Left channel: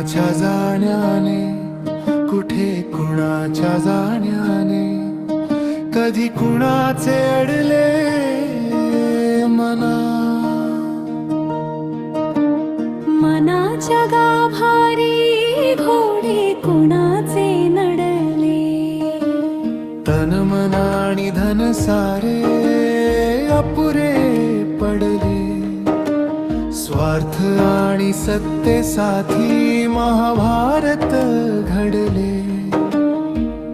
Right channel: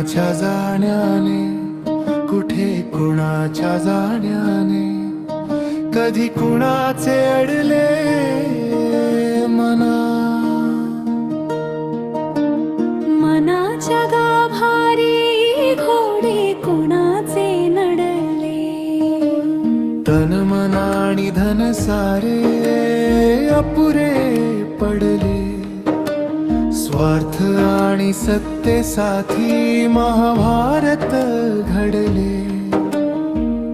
कुणाच्या जाण्याने, कुठे कुणाच्या जाण्याने, कधी कुणाचे अडले मना. मनाच्या गाभारी घोडे कुणाचे नडले. तन मन आणि धन सारे अपुरे पडले. स्वार्थ आणि सत्तेसाठी महाभारत घडले.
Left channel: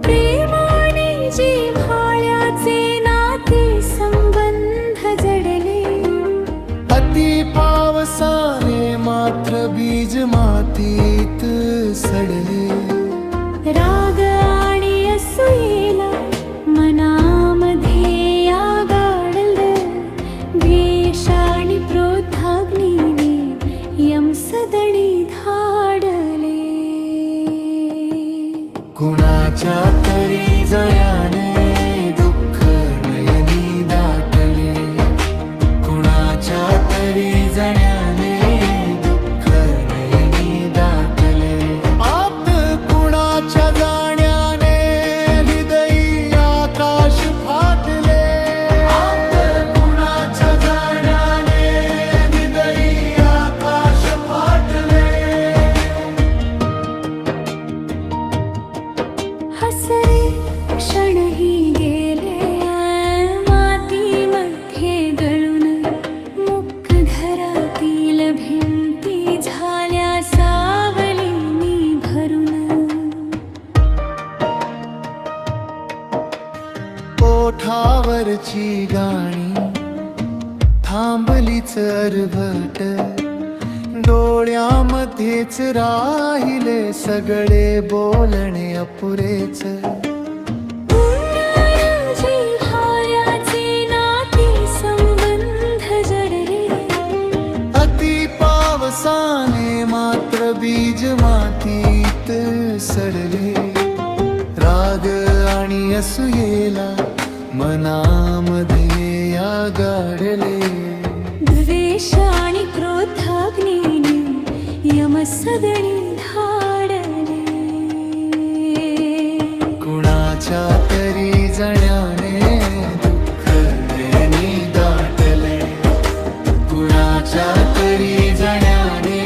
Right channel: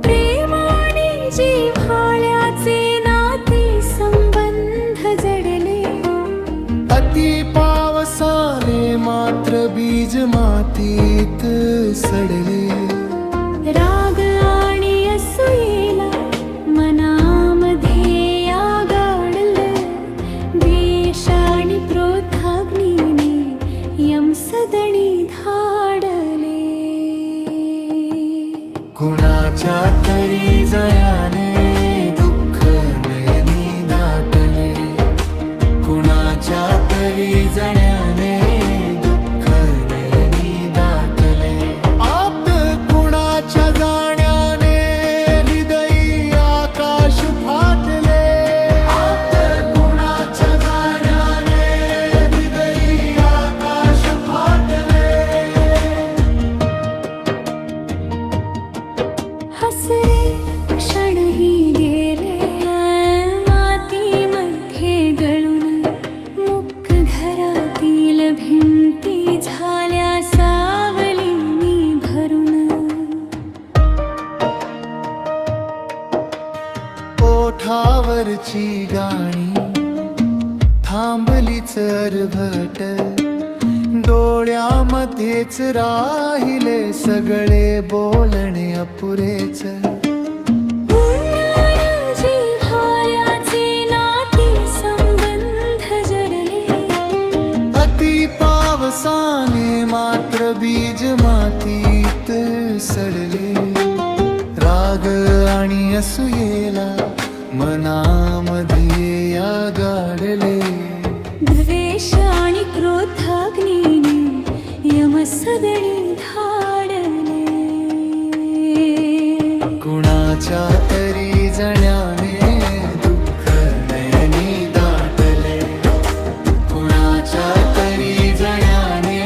प्रेम आणि जिव्हाळ्याचे नाते संबंध जडले. अति पावसाने मात्र बीज मातीत सडले. राग आणि असूयेला मनामध्ये या गाडलं. द्वेष आणि क्रोधाग्नीने यमसदनी धाडले. कुणाच्या तरी जयाने दुःख नयनी दाटले. कुणाच्या तरी जण्याने दुःख नयनी दाटले. आप्त कुणाच्या जाण्याने हृदयी आकाश फाटले. आप्त कुणाच्या जाण्याने हृदयी आकाश फाटले. हसरे क्षणही गेले मातीमध्ये गळून. मुख घरातील भिंती झाल्या सावलीनी भरून. ओठावरची गाणी थांबलीच अर्भट. डोळ्यामध्येच राहिले सगळे बोलणे अपुरेच. जिव्हाळ्याचे नाते संबंध जडले. अति पावसाने मात्र बीज मातीत सडले. राग आणि असूयेला मनामध्ये या गाडले. द्वेष आणि क्रोधाग्नीने यमसदनी धाडले. कुणाच्या तरी जण्याने दुःख नयनी दाटले. कुणाच्या तरी जण्याने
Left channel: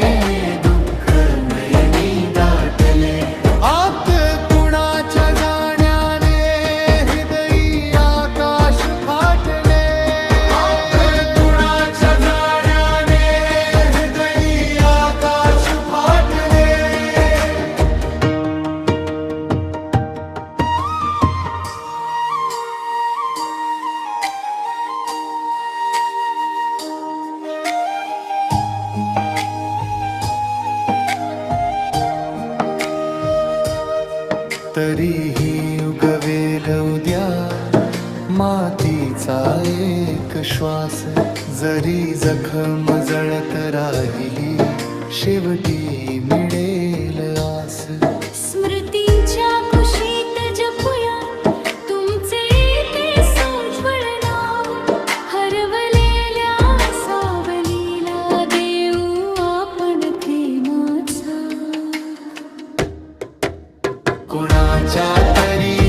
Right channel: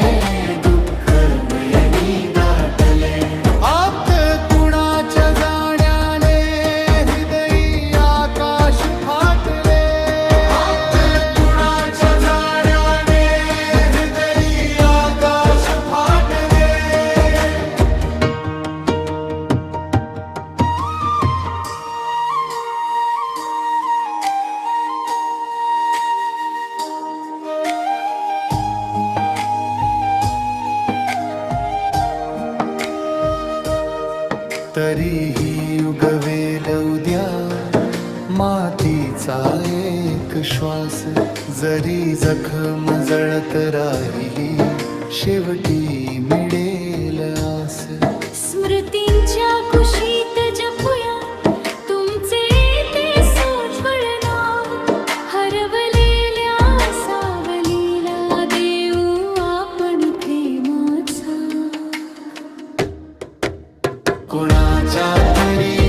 दुःख नयनी दाटले. आप्त कुणाच्या जाण्याने हृदयी आकाश फाटले. कुणाच्या जाण्याने हृदयी आकाश फाटले. तरीही उगवेल उद्या मातीचा एक श्वास. जरी जखम जळत राहिली शेवटी मिळेल आस. स्मृतींच्या कुशीत जपूया तुमचे ते सोज्वळ नाव. हरवलेल्या सावलीला देऊ आपण प्रेमाचा. कुणाच्या तरी